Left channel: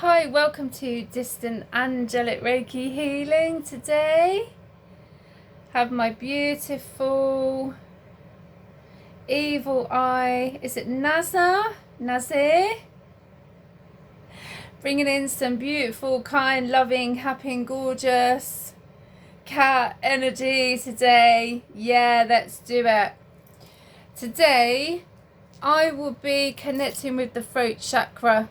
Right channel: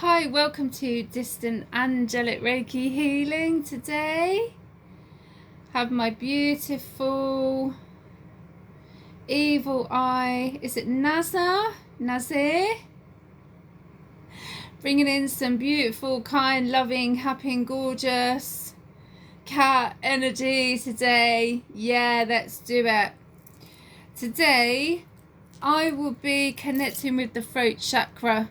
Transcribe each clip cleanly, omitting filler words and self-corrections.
Hi, welcome to Distant Angelic Reiki Healing. Today have my beautiful evil eye, is it Nazir? Bringing in some beautiful, kind, loving, happy and gorgeous cat energy today. Yeah, let's do it. Today I will be connecting with the throat chakra.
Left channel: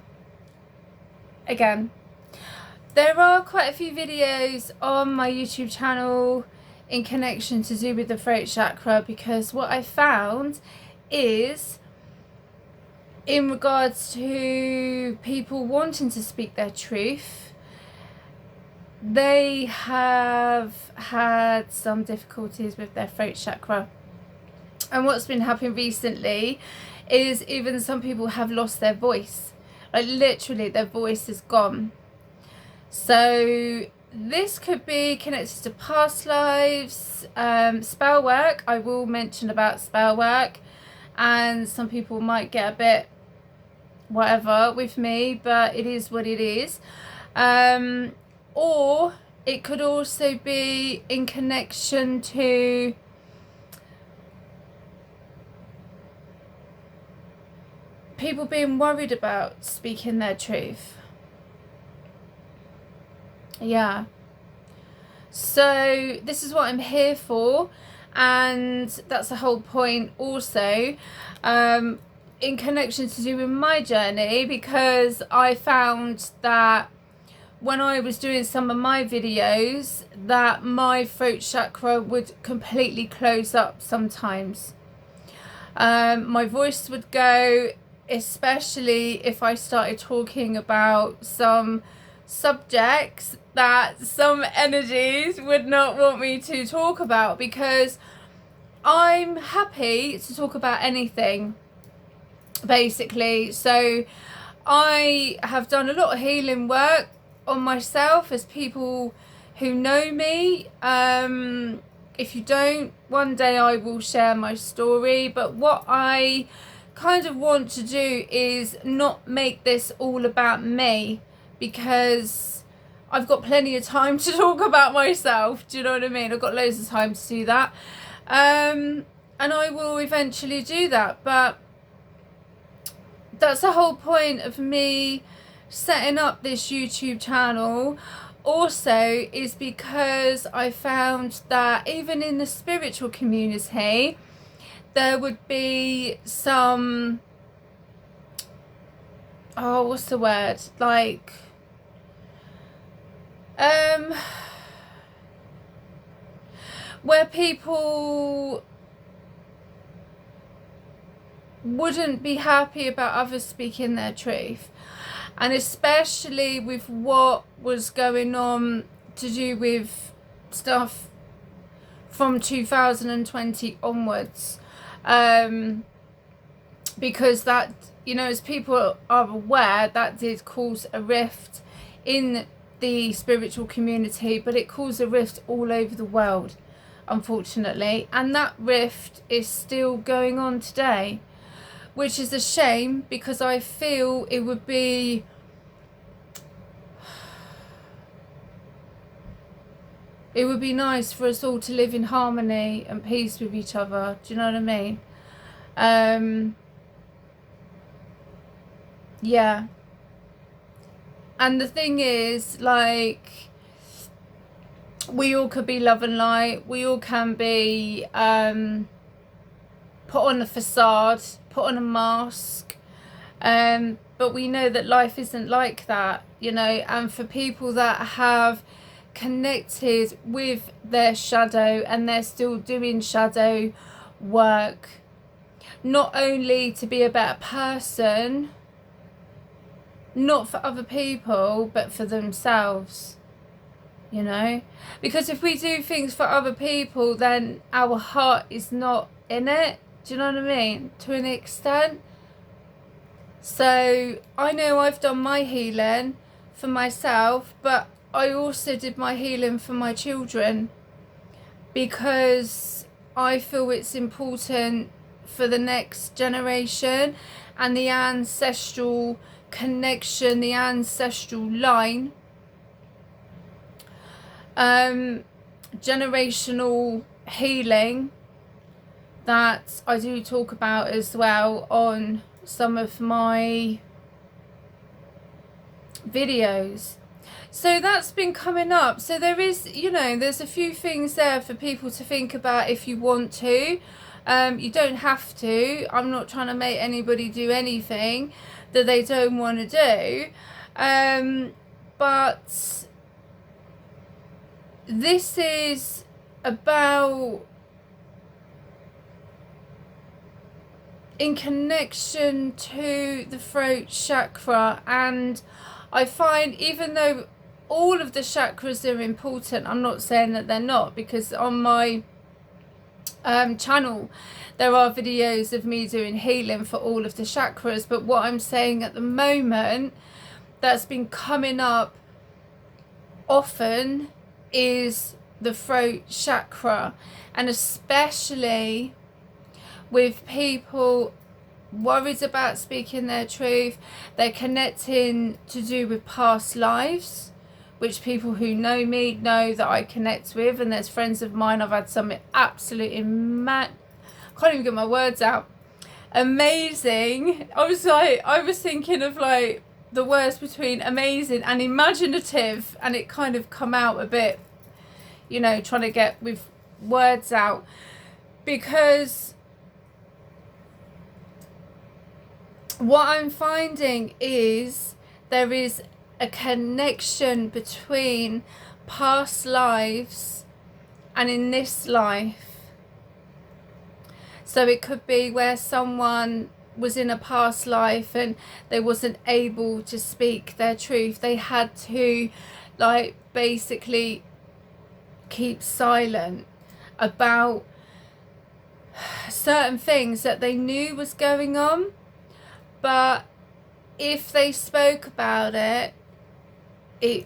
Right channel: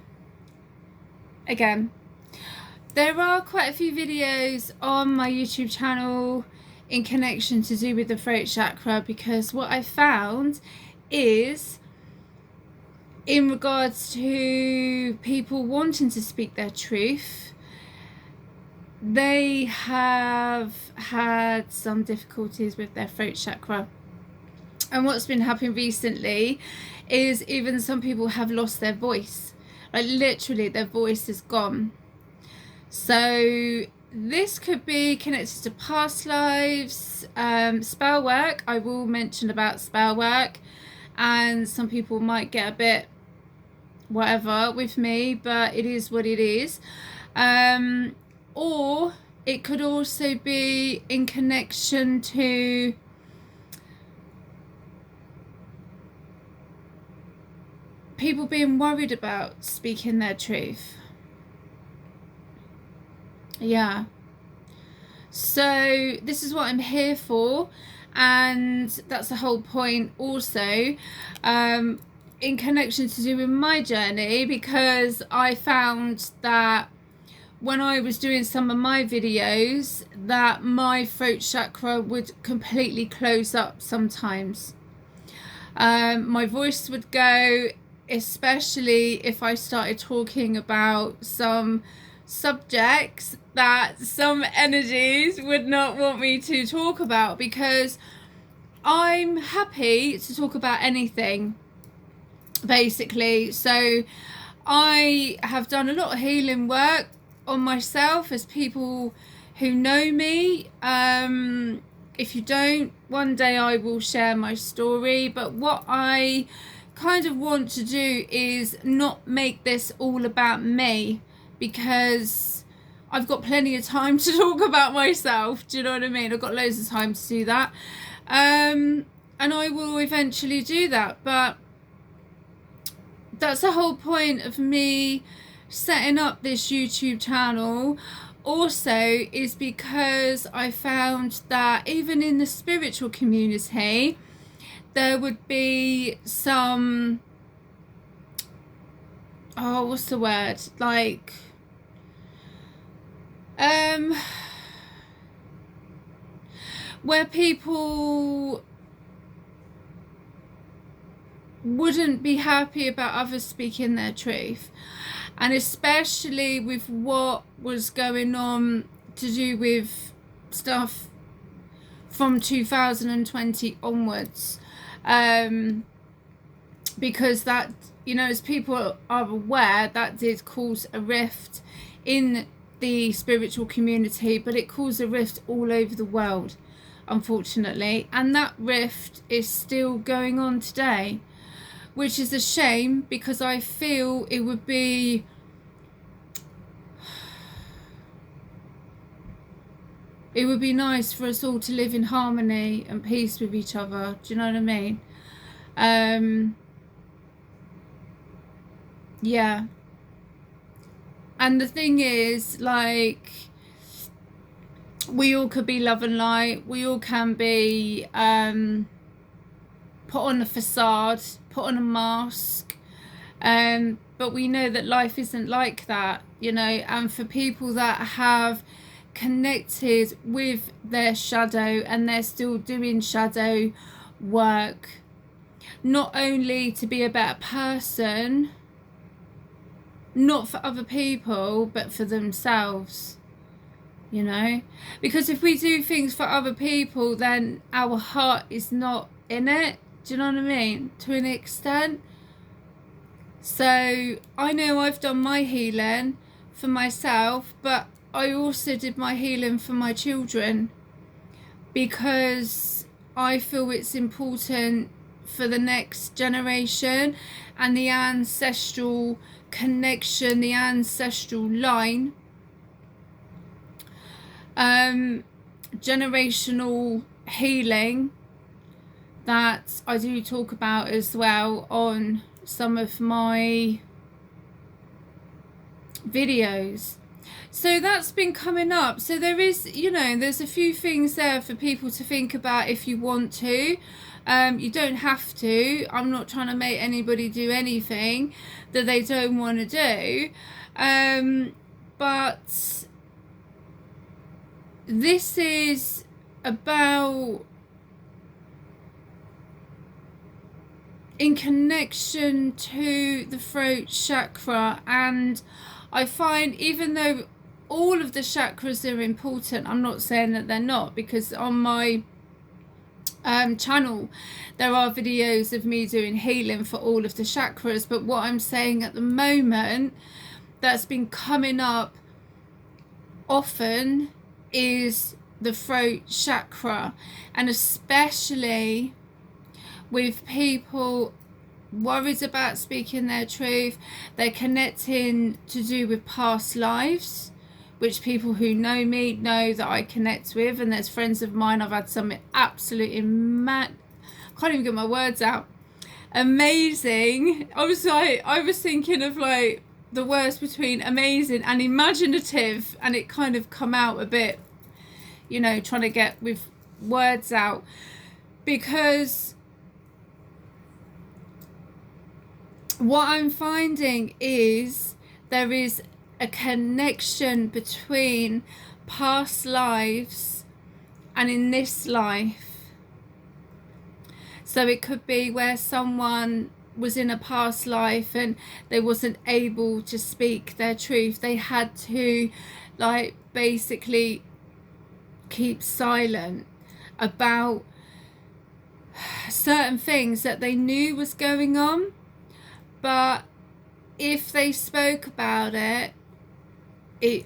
Again, there are quite a few videos on my YouTube channel in connection to do with the throat chakra, because what I found is, in regards to people wanting to speak their truth, they have had some difficulties with their throat chakra. And what's been happening recently is even some people have lost their voice. Like literally their voice is gone. So this could be connected to past lives, spell work. I will mention about spell work, and some people might get a bit whatever with me, but it is what it is. Or it could also be in connection to people being worried about speaking their truth. Yeah. So this is what I'm here for, and that's the whole point also, in connection to do with my journey, because I found that when I was doing some of my videos that my throat chakra would completely close up sometimes. My voice would go, especially if I started talking about some subjects that some energies would not want me to talk about, because I'm happy to talk about anything basically. So I have done a lot of healing work on myself, as people who know me. If you don't, one day I will share my story, but what I kind of want to do is not make this all about me, because I've got plenty of time to talk about myself. Do you know what I mean? I've got loads of time to do that, and I will eventually do that. But that's the whole point of me setting up this YouTube channel also, is because I found that even in the spiritual community there would be some, what's the word, like where people wouldn't be happy about others speaking their truth, and especially with what was going on to do with stuff from 2020 onwards, because that, you know, as people are aware, that did cause a rift in the spiritual community, but it caused a rift all over the world, unfortunately, and that rift is still going on today, which is a shame, because I feel it would be nice for us all to live in harmony and peace with each other. Do you know what I mean? Yeah. And the thing is, like, we all could be love and light. We all can be put on a facade, put on a mask, but we know that life isn't like that, you know. And for people that have connected with their shadow and they're still doing shadow work, not only to be a better person, not for other people, but for themselves, you know. Because if we do things for other people, then our heart is not in it. Do you know what I mean? To an extent. So I know I've done my healing for myself, but I also did my healing for my children, because I feel it's important for the next generation and the ancestral connection, the ancestral line, generational healing that I do talk about as well on some of my videos. So that's been coming up. So there is, you know, there's a few things there for people to think about if you want to. You don't have to. I'm not trying to make anybody do anything that they don't want to do. But this is about in connection to the throat chakra, and I find even though all of the chakras are important, I'm not saying that they're not, because on my channel there are videos of me doing healing for all of the chakras, but what I'm saying at the moment that's been coming up often is the throat chakra, and especially with people worried about speaking their truth. They're connecting to do with past lives, which people who know me know that I connect with, and there's friends of mine I've had some absolutely mad, can't even get my words out, amazing. I was thinking of like the words between amazing and imaginative, and it kind of come out a bit, you know, trying to get with words out, because what I'm finding is there is a connection between past lives and in this life. So it could be where someone was in a past life and they wasn't able to speak their truth. They had to like basically keep silent about certain things that they knew was going on, but if they spoke about it, it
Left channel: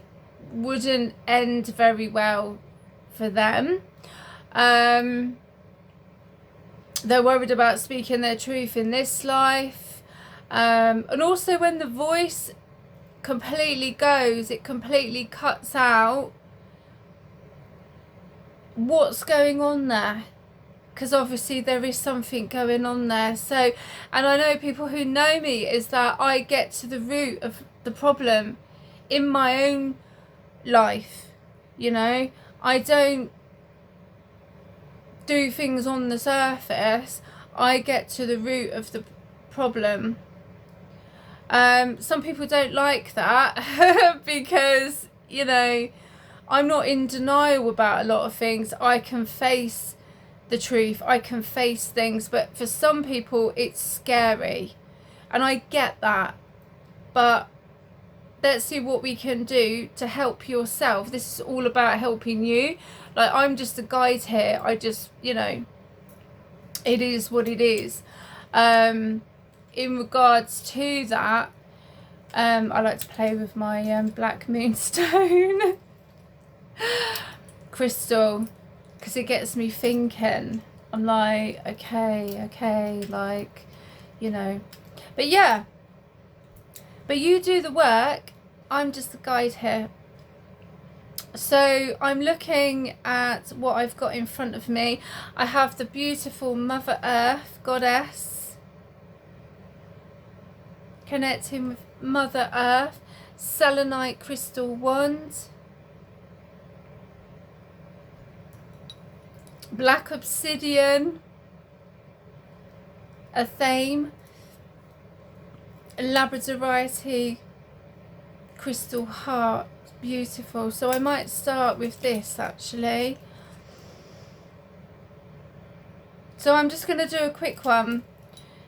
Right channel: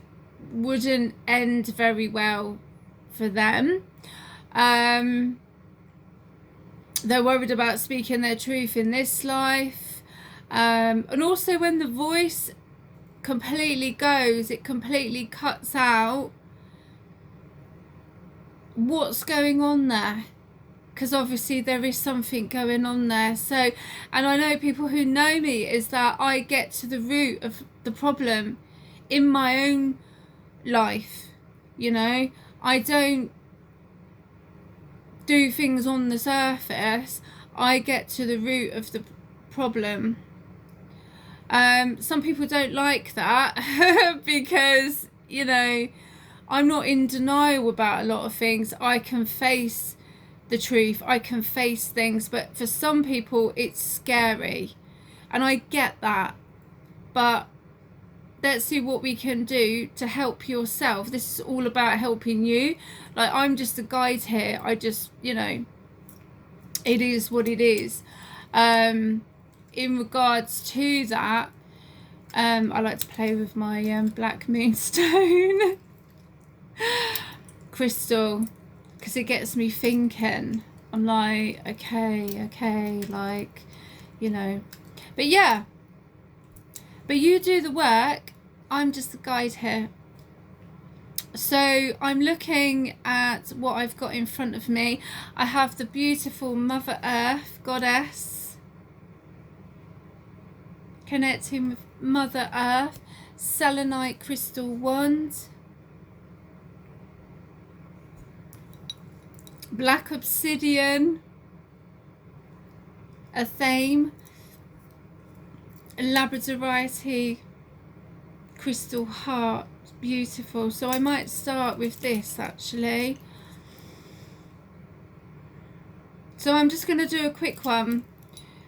wouldn't end very well for them. They're worried about speaking their truth in this life, and also when the voice completely goes, it completely cuts out what's going on there, because obviously there is something going on there. So, and I know people who know me is that I get to the root of the problem in my own life. You know, I don't do things on the surface. I get to the root of the problem. Some people don't like that because, you know, I'm not in denial about a lot of things. I can face the truth, I can face things, but for some people it's scary, and I get that, but let's see what we can do to help yourself. This is all about helping you. Like, I'm just a guide here. I just, you know, it is what it is. In regards to that, I like to play with my black moonstone crystal, because it gets me thinking. I'm like, okay, like, you know, but yeah, but you do the work. I'm just the guide here. So I'm looking at what I've got in front of me. I have the beautiful Mother Earth goddess, connecting with Mother Earth, selenite crystal wand, black obsidian, a thame, a labradorite crystal heart. Beautiful. So I might start with this actually. So I'm just going to do a quick one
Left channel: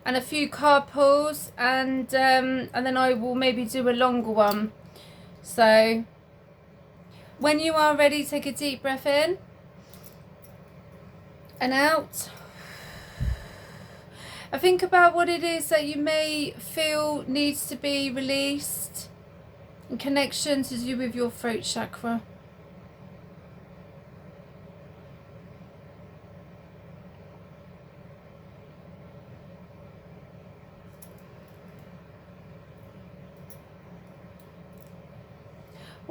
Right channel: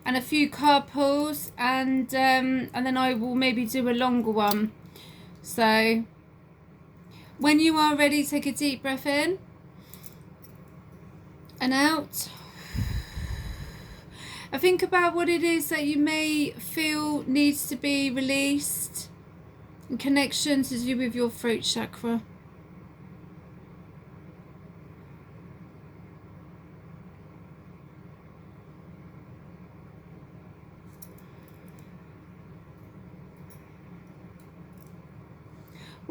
and a few card pulls, and then I will maybe do a longer one. So when you are ready, take a deep breath in and out. I think about what it is that you may feel needs to be released in connection to do with your throat chakra.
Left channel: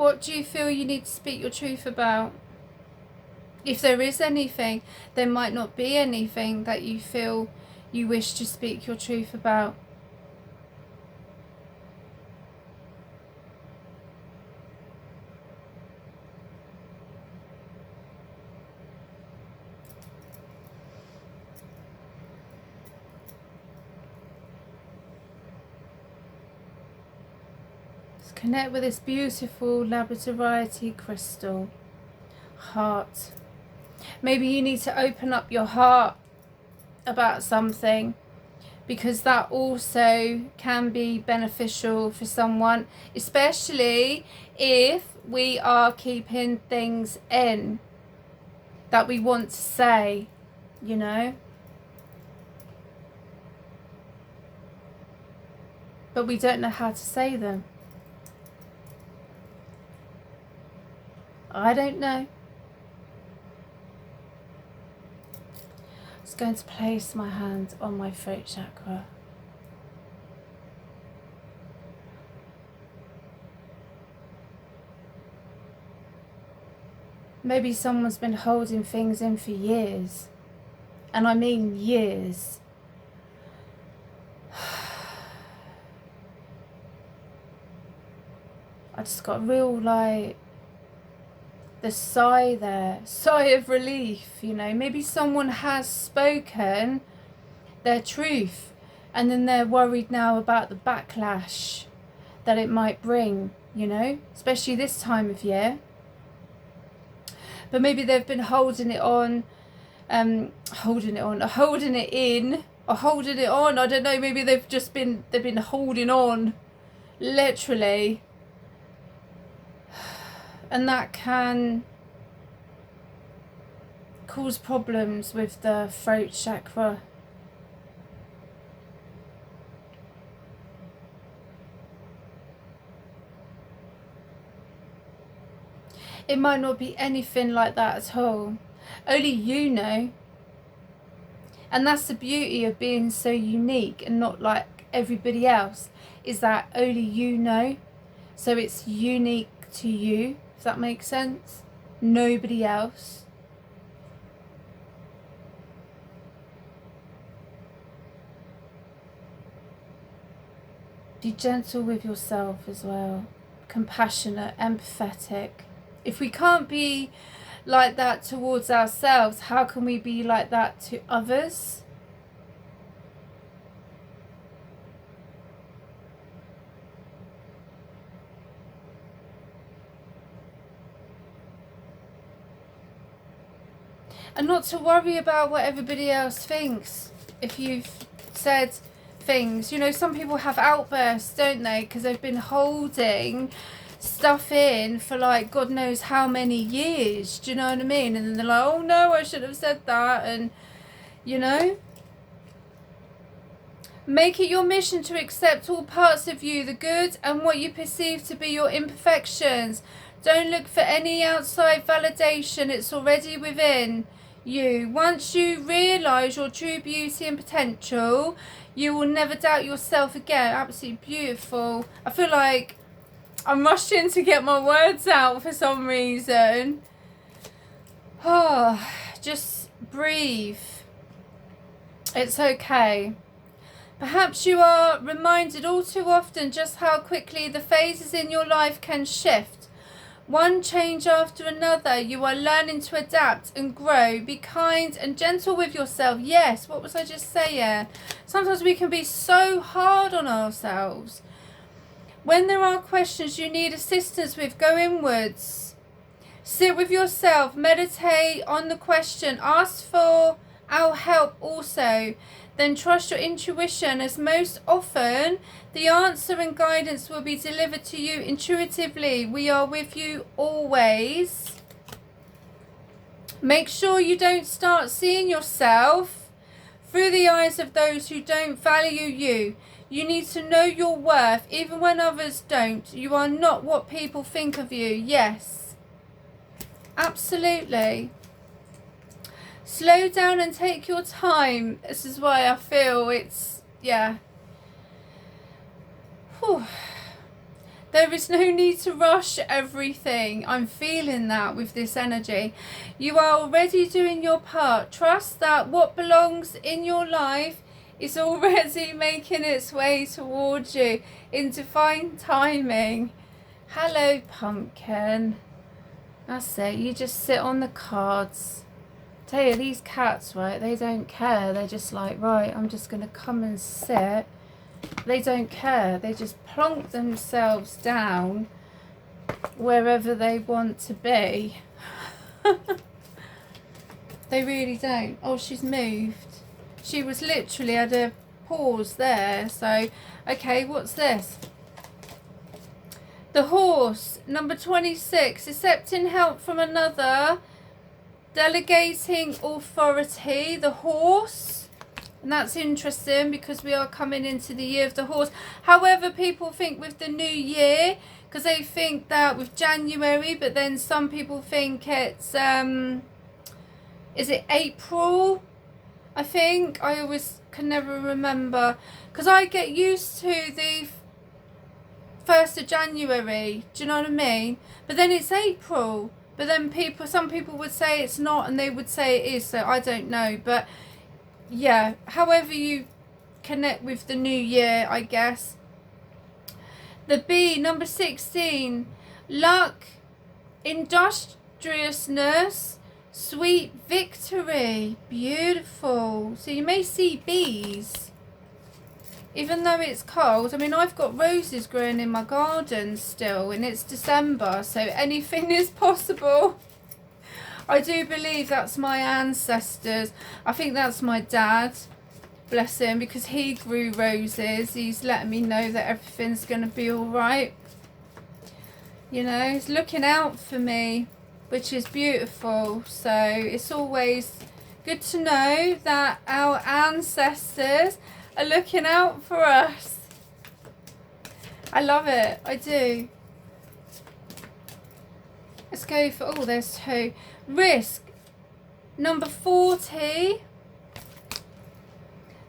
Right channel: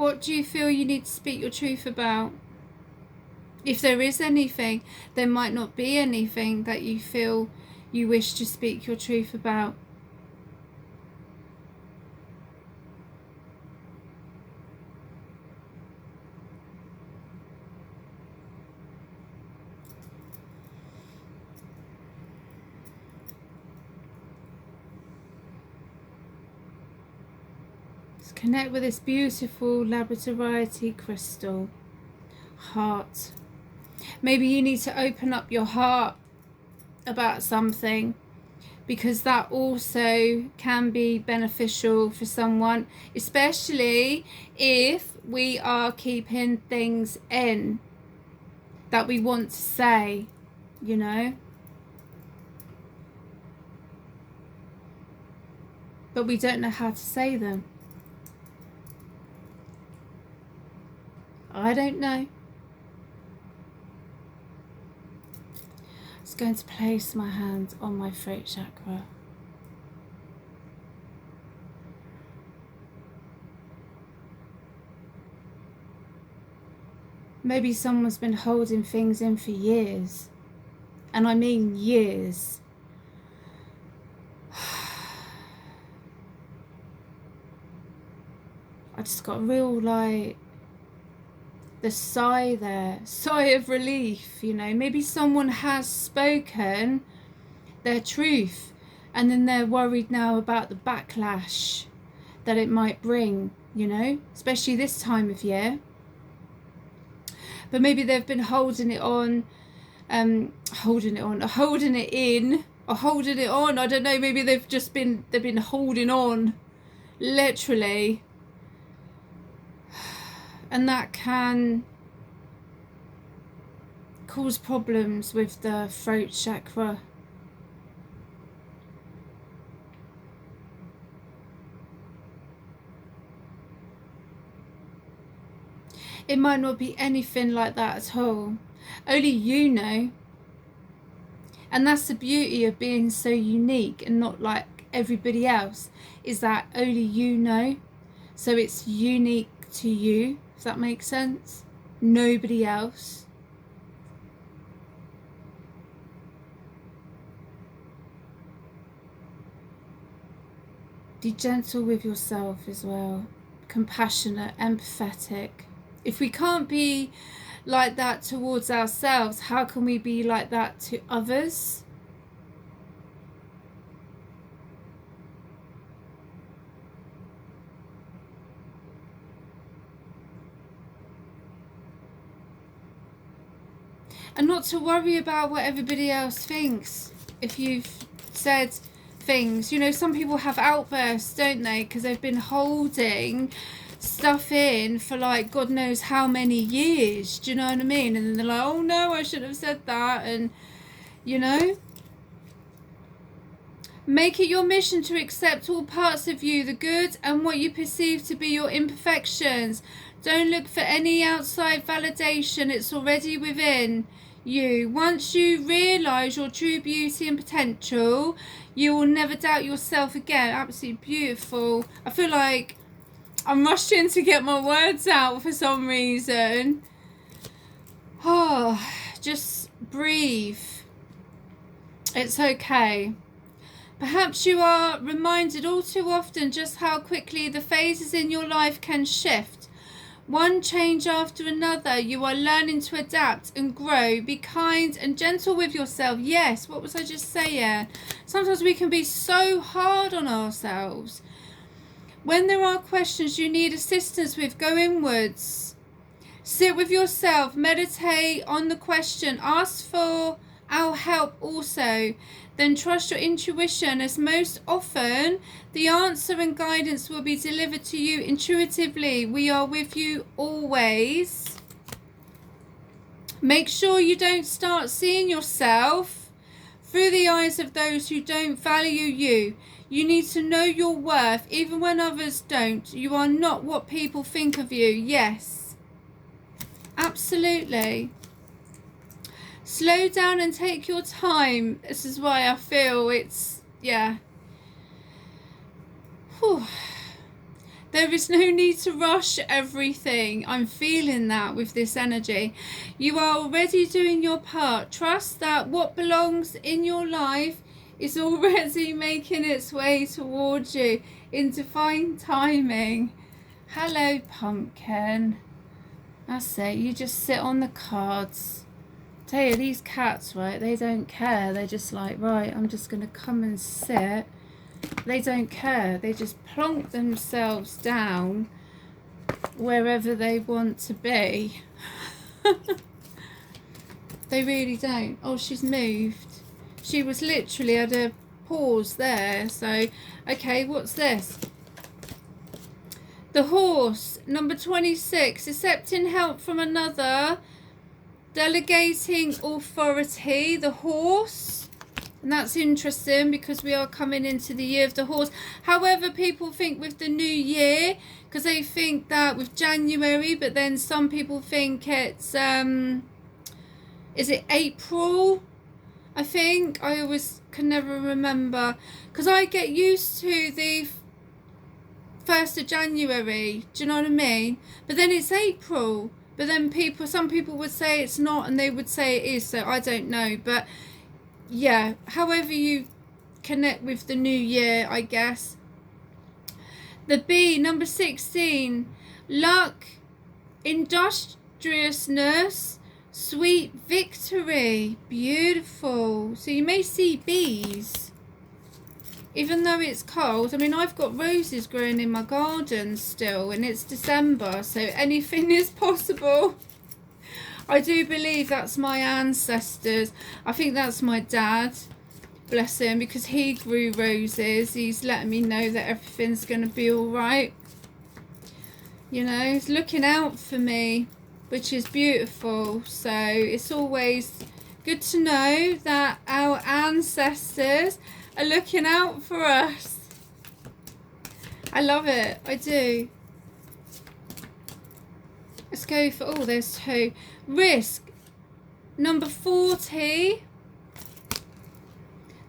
What do you feel you need to speak your truth about? If there is anything, there might not be anything that you feel you wish to speak your truth about. Let's connect with this beautiful labradorite crystal. Heart. Maybe you need to open up your heart about something, because that also can be beneficial for someone, especially if we are keeping things in that we want to say, you know, but we don't know how to say them. I don't know. I'm going to place my hand on my throat chakra. Maybe someone's been holding things in for years, and I mean years. I just got a real, like, the sigh there, sigh of relief, you know. Maybe someone has spoken their truth, and then they're worried now about the backlash that it might bring, you know, especially this time of year. But maybe they've been holding it in, I don't know, maybe they've been holding on, literally. And that can cause problems with the throat chakra. It might not be anything like that at all. Only you know. And that's the beauty of being so unique and not like everybody else, is that only you know. So it's unique to you. Does that make sense? Nobody else. Be gentle with yourself as well. Compassionate, empathetic. If we can't be like that towards ourselves, how can we be like that to others? And not to worry about what everybody else thinks. If you've said things, you know, some people have outbursts, don't they? Because they've been holding stuff in for like God knows how many years. Do you know what I mean? And then they're like, oh no, I shouldn't have said that. And, you know, make it your mission to accept all parts of you, the good and what you perceive to be your imperfections. Don't look for any outside validation. It's already within you. Once you realise your true beauty and potential, you will never doubt yourself again. Absolutely beautiful. I feel like I'm rushing to get my words out for some reason. Oh, just breathe. It's okay. Perhaps you are reminded all too often just how quickly the phases in your life can shift. One change after another, you are learning to adapt and grow. Be kind and gentle with yourself. Yes, what was I just saying? Sometimes we can be so hard on ourselves. When there are questions you need assistance with, go inwards. Sit with yourself, meditate on the question, ask for our help also. Then trust your intuition, as most often the answer and guidance will be delivered to you intuitively. We are with you always. Make sure you don't start seeing yourself through the eyes of those who don't value you. You need to know your worth, even when others don't. You are not what people think of you. Yes, absolutely. Slow down and take your time. This is why I feel it's, yeah. Whew. There is no need to rush everything. I'm feeling that with this energy. You are already doing your part. Trust that what belongs in your life is already making its way towards you in divine timing. Hello, pumpkin. That's it. You just sit on the cards. Tell you, these cats, right, they don't care. They're just like, right, I'm just going to come and sit. They don't care. They just plonk themselves down wherever they want to be. They really don't. Oh, she's moved. She was literally at a pause there. So, okay, what's this? The horse, number 26, accepting help from another, delegating authority. The horse, and that's interesting because we are coming into the year of the horse. However, people think with the new year, because they think that with January, but then some people think it's, is it April? I think. I always can never remember, because I get used to the 1st of January, do you know what I mean? But then it's April, but then some people would say it's not, and they would say it is, so I don't know. But yeah, however you connect with the new year, I guess. The B, number 16, luck, industriousness, sweet victory. Beautiful. So you may see bees even though it's cold. I mean, I've got roses growing in my garden still, and it's December, so anything is possible. I do believe that's my ancestors. I think that's my dad, bless him, because he grew roses. He's letting me know that everything's going to be all right. You know, he's looking out for me, which is beautiful. So it's always good to know that our ancestors are looking out for us. I love it. I do. Let's go for, oh, there's 2. Risk, number 40.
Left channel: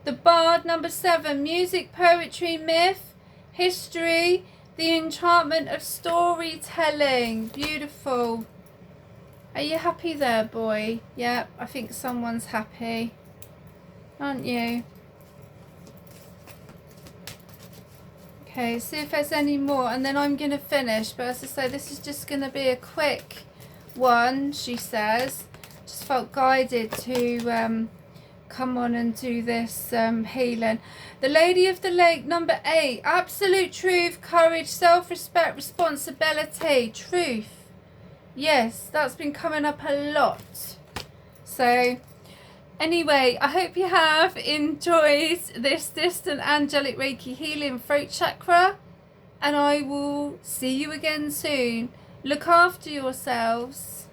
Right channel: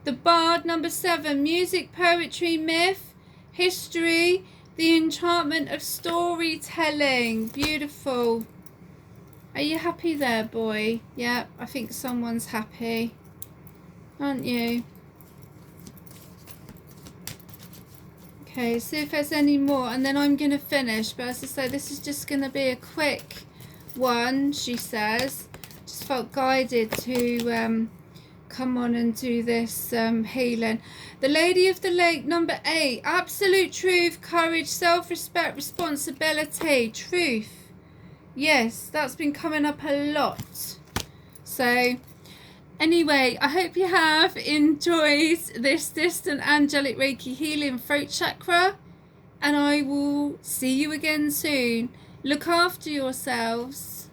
The Bard, number 7. Music, poetry, myth, history, the enchantment of storytelling. Beautiful. Are you happy there, boy? Yeah, I think someone's happy. Aren't you? Okay, see if there's any more, and then I'm going to finish. But as I say, this is just going to be a quick one, she says. Just felt guided to come on and do this healing. The Lady of the Lake, number 8. Absolute truth, courage, self-respect, responsibility, truth. Yes, that's been coming up a lot. So anyway, I hope you have enjoyed this distant angelic Reiki healing throat chakra, and I will see you again soon. Look after yourselves.